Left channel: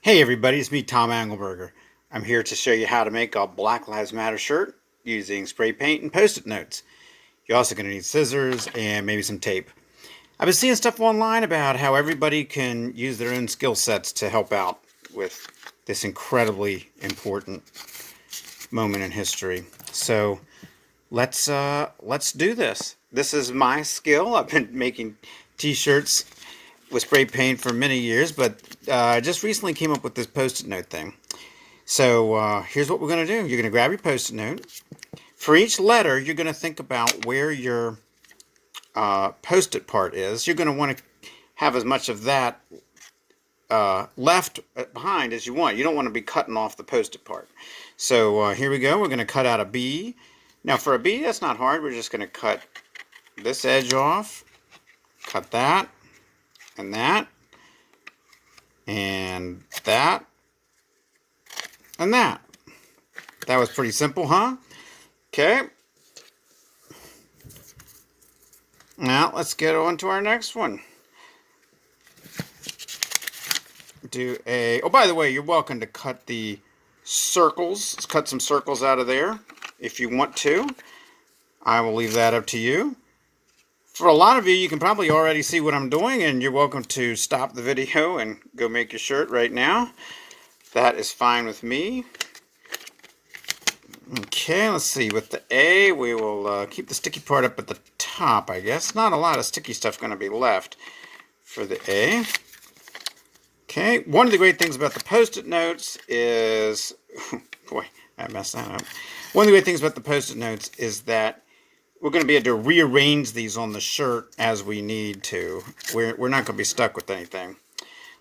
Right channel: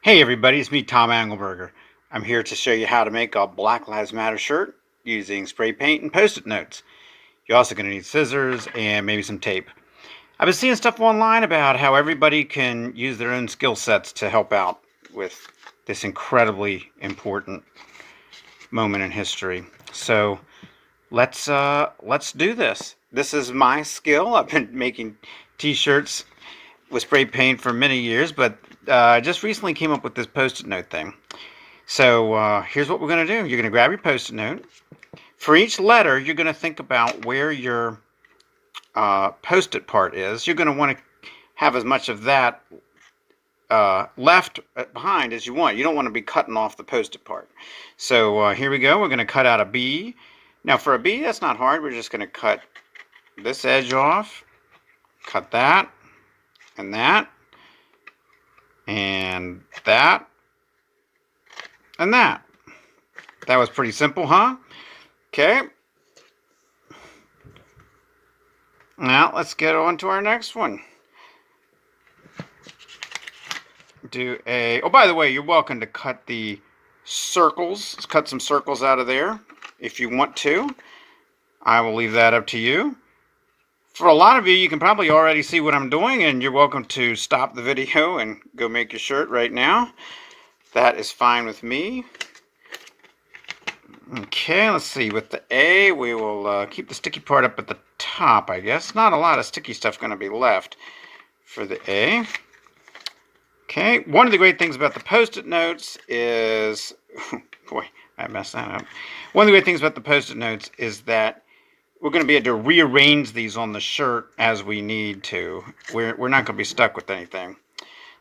Hey everybody, it's me, Tom Engelberger. I'm here to show you how to make a Black Lives Matter shirt using spray paint and post-it notes. You're also going to need scissors and maybe some tape. I've been seeing stuff online about how everybody can use their own skill sets to help out with this incredibly important moment in history. So let's do this. This is my skill. I've been making t-shirts with spray paint for many years, but I just recently came up with this post-it note thing. So here's what we're going to do. You're going to grab your post-it note. For each letter, you're going to think about where your post-it part is. You're going to want to have as much of that left behind as you want. You don't want to be cutting off the post-it part. So here we go. We're going to cut out a B. Now for a B, that's not hard. We're just going to cut this edge off, cut that, and that, and that, and that. That was pretty simple, huh? Okay. Now let's get on to our next one. Oh, by the way, you're welcome to cut the circles. Let's cut some circles out of there if you want to. I will leave that up to you. For a lot of you, you can probably already see what I'm doing, and you're welcome to stop the video and go make your shirt right now. That is fine with me. Okay, let's see. With the A, we will keep the sticky part up at the top, I guess. Not a lot of sticky stuff going to be left for the A. Okay, one of the great things about the post-it notes is... boy, I messed that up. One of the great things about the post-it notes is that we're going to be able to rearrange these on the shirt as we need to. We're not going to be stuck with anything.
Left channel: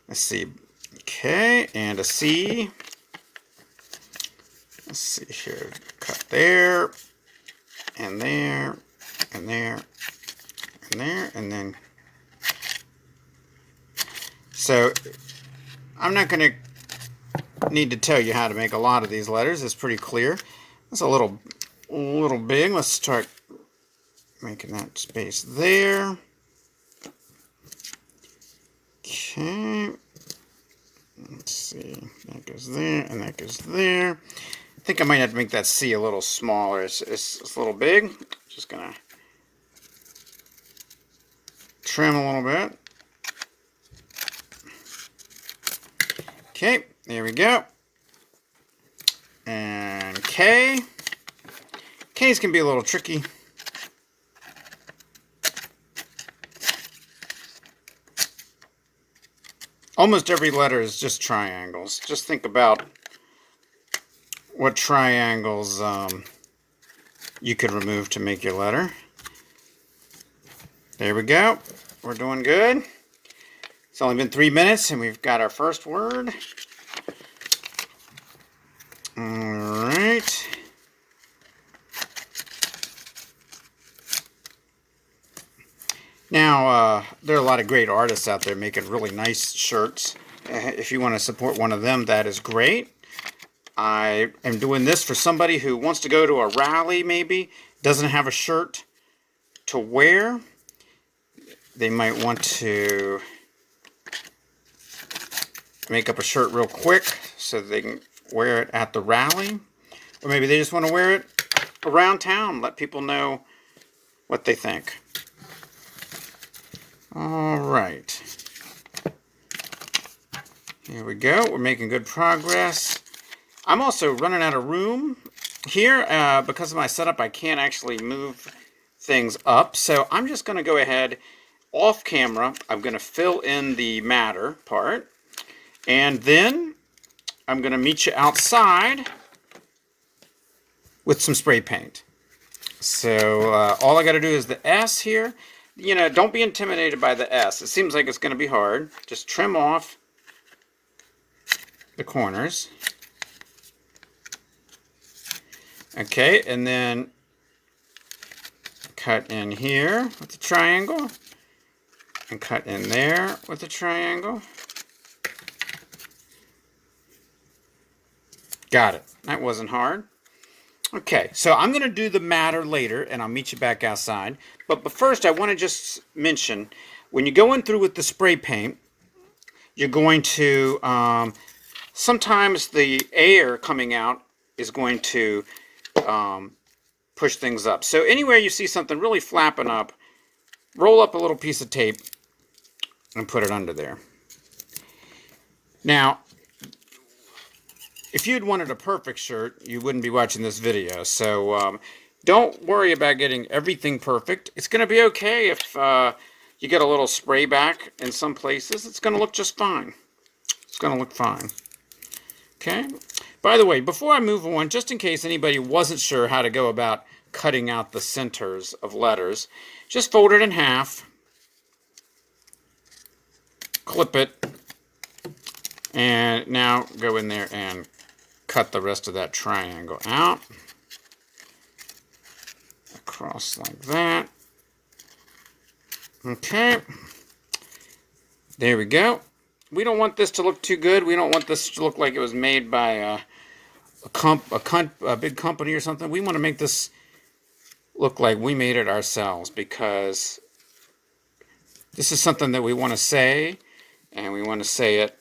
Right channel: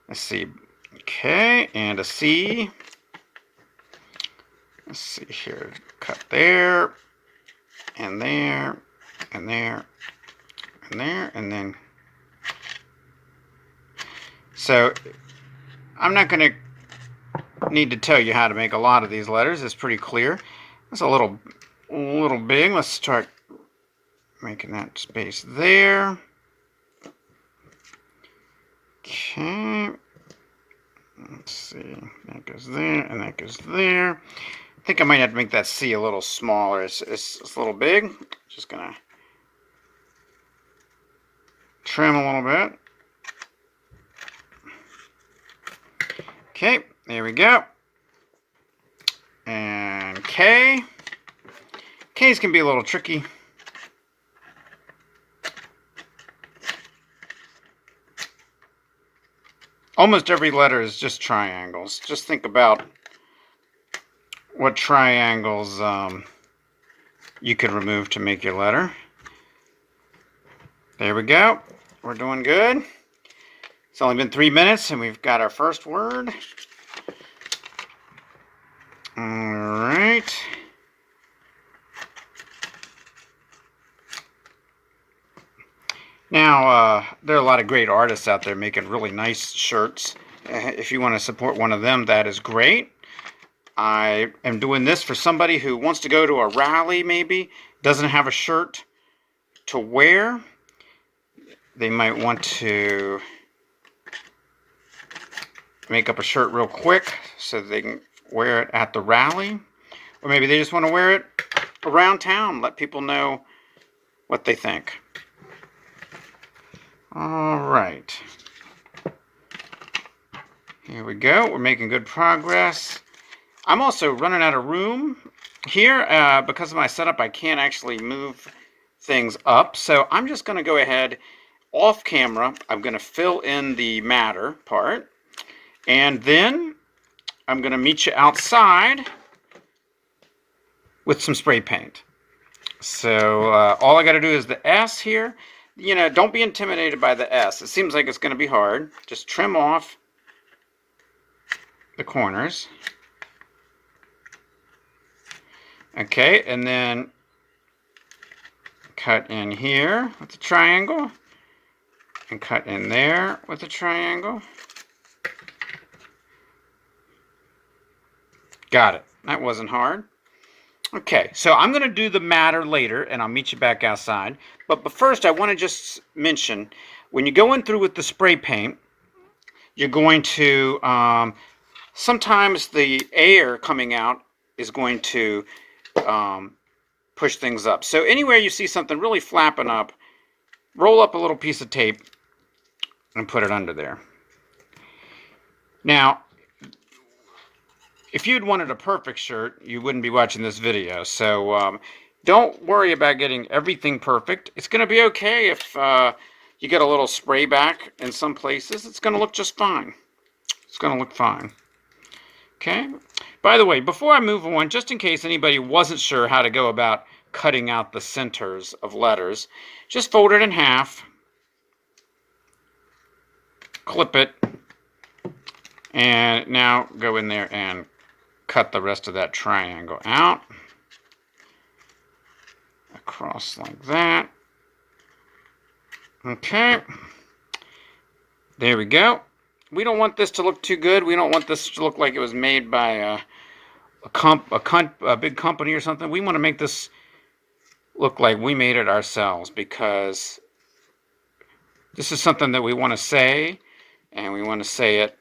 Let's see. Okay, and a C. Let's see here. Cut there, and there, and there, and there, and then. So, I'm not going to need to tell you how to make a lot of these letters. It's pretty clear. It's a little big. Let's start making that space there. Okay. Let's see. That goes there, and that goes there. I think I might have to make that C a little smaller. It's a little big. Just gonna trim a little bit. Okay, there we go. And K. K's can be a little tricky. Almost every letter is just triangles. Just think about what triangles you could remove to make your letter. There we go. We're doing good. It's only been 3 minutes and we've got our first word. All right. Now, there are a lot of great artists out there making really nice shirts. If you want to support one of them, that is great. I am doing this for somebody who wants to go to a rally, maybe, doesn't have a shirt to wear. They might want to make up a shirt real quick so they can wear it at the rally. Or maybe they just want to wear it around town, let people know what they think. All right. Here we go. We're making good progress. I'm also running out of room here. Because of my setup, I can't actually move things up. So I'm just going to go ahead off camera. I'm going to fill in the matter part. And then I'm going to meet you outside with some spray paint. So all I got to do is the S here. You know, don't be intimidated by the S. It seems like it's going to be hard. Just trim off the corners. Okay, and then cut in here with the triangle. And cut in there with the triangle. Got it. That wasn't hard. Okay, so I'm going to do the matter later, and I'll meet you back outside. But first, I want to just mention, when you're going through with the spray paint, you're going to sometimes the air coming out is going to push things up. So anywhere you see something really flapping up, roll up a little piece of tape and put it under there. Now, if you'd wanted a perfect shirt, you wouldn't be watching this video. So don't worry about getting everything perfect. It's going to be okay if you get a little spray back in some places. It's going to look just fine. It's going to look fine. Okay? By the way, before I move on, just in case anybody wasn't sure how to go about cutting out the centers of letters, just fold it in half, clip it, and now go in there and cut the rest of that triangle out. Across like that. Okay. There we go. We don't want this to look too good. We don't want this to look like it was made by a big company or something. We want to make this look like we made it ourselves, because this is something that we want to say, and we want to say it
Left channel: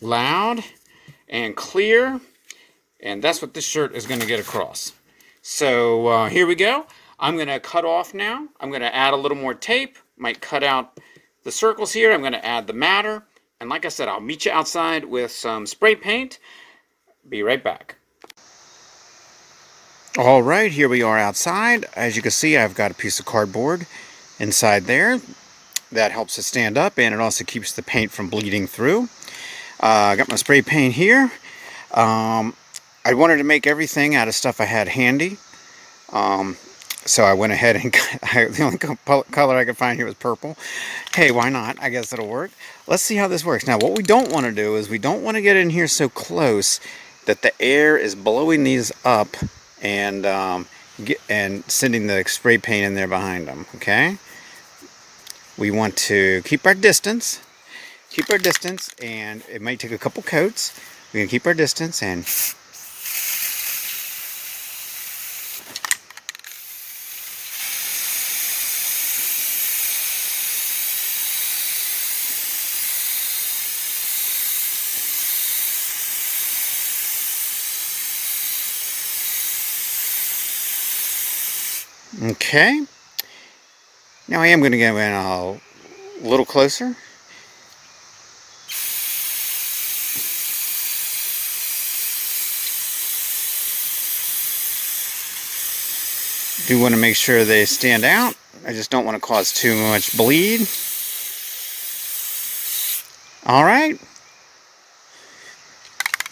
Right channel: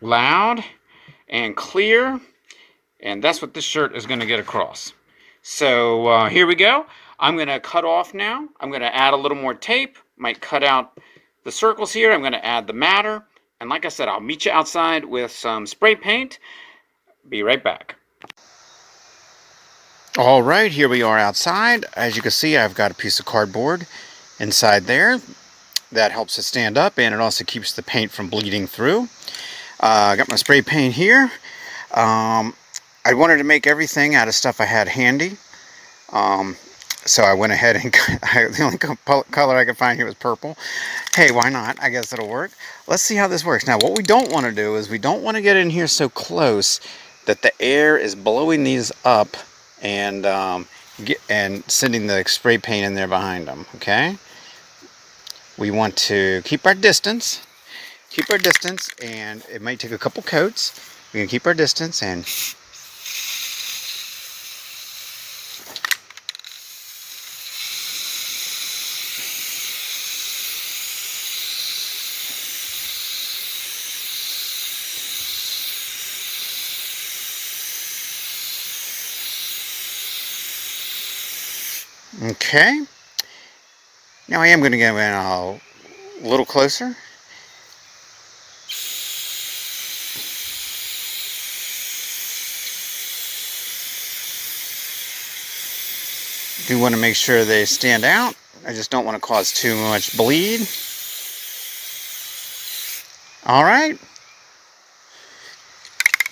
loud and clear, and that's what this shirt is going to get across. So here we go. I'm going to cut off now. I'm going to add a little more tape. Might cut out the circles here. I'm going to add the matter. And like I said, I'll meet you outside with some spray paint. Be right back. All right, here we are outside. As you can see, I've got a piece of cardboard inside there. That helps it stand up, and it also keeps the paint from bleeding through. I got my spray paint here. I wanted to make everything out of stuff I had handy. So I went ahead and the only color I could find here was purple. Hey, why not? I guess it'll work. Let's see how this works. Now, what we don't want to do is we don't want to get in here so close that the air is blowing these up and sending the spray paint in there behind them, okay? We want to keep our distance. Keep our distance, and it might take a couple coats. We can keep our distance and... Okay. Now I am going to go in a little closer. Do want to make sure they stand out. I just don't want to cause too much bleed. All right.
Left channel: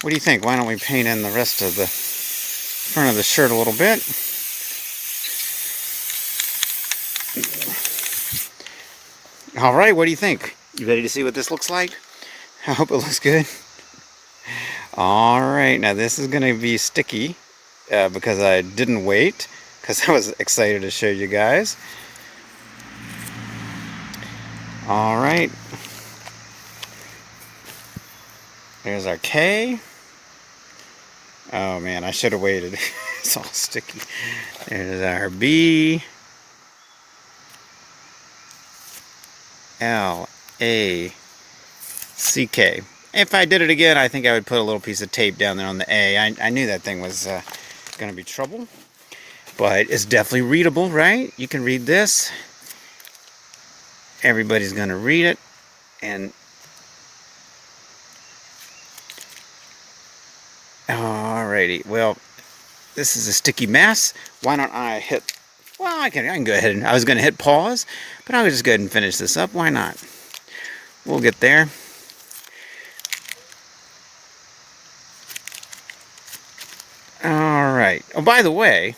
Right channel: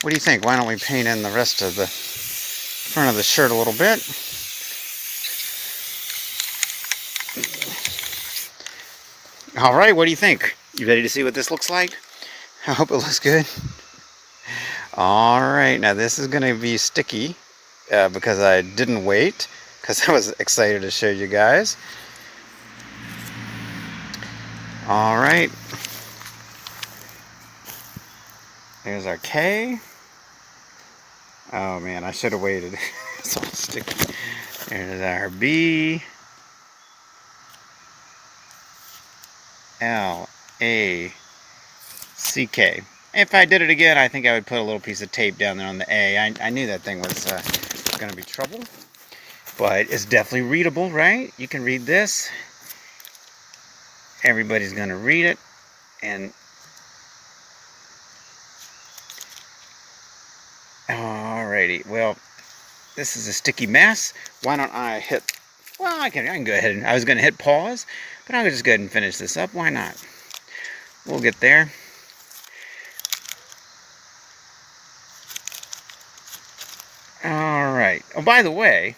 What do you think? Why don't we paint in the rest of the front of the shirt a little bit? All right, what do you think? You ready to see what this looks like? I hope it looks good. All right, now this is going to be sticky because I didn't wait, because I was excited to show you guys. All right. There's our K. Oh man, I should have waited. It's all sticky. There's our B. L-A-C-K. If I did it again, I think I would put a little piece of tape down there on the A. I knew that thing was going to be trouble. But it's definitely readable, right? You can read this. Everybody's going to read it. And alrighty. Well, this is a sticky mess. Why don't I hit... Well, I can go ahead and... I was going to hit pause, but I'll just go ahead and finish this up. Why not? We'll get there. Alright. Oh, by the way,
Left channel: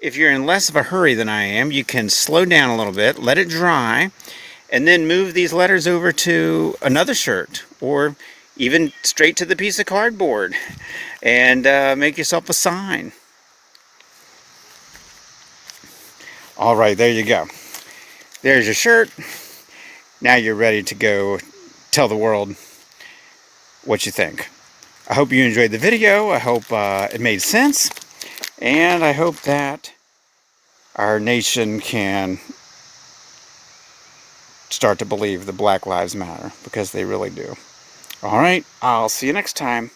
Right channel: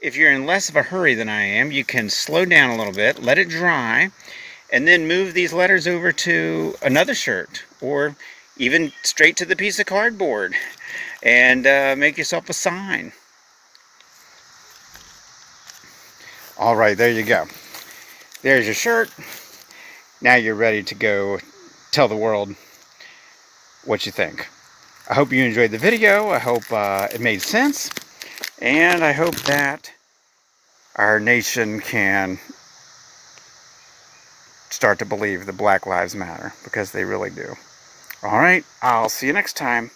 if you're in less of a hurry than I am, you can slow down a little bit, let it dry, and then move these letters over to another shirt, or even straight to the piece of cardboard, and make yourself a sign. All right, there you go. There's your shirt. Now you're ready to go tell the world what you think. I hope you enjoyed the video. I hope it made sense. And I hope that our nation can start to believe that Black Lives Matter, because they really do. All right, I'll see you next time.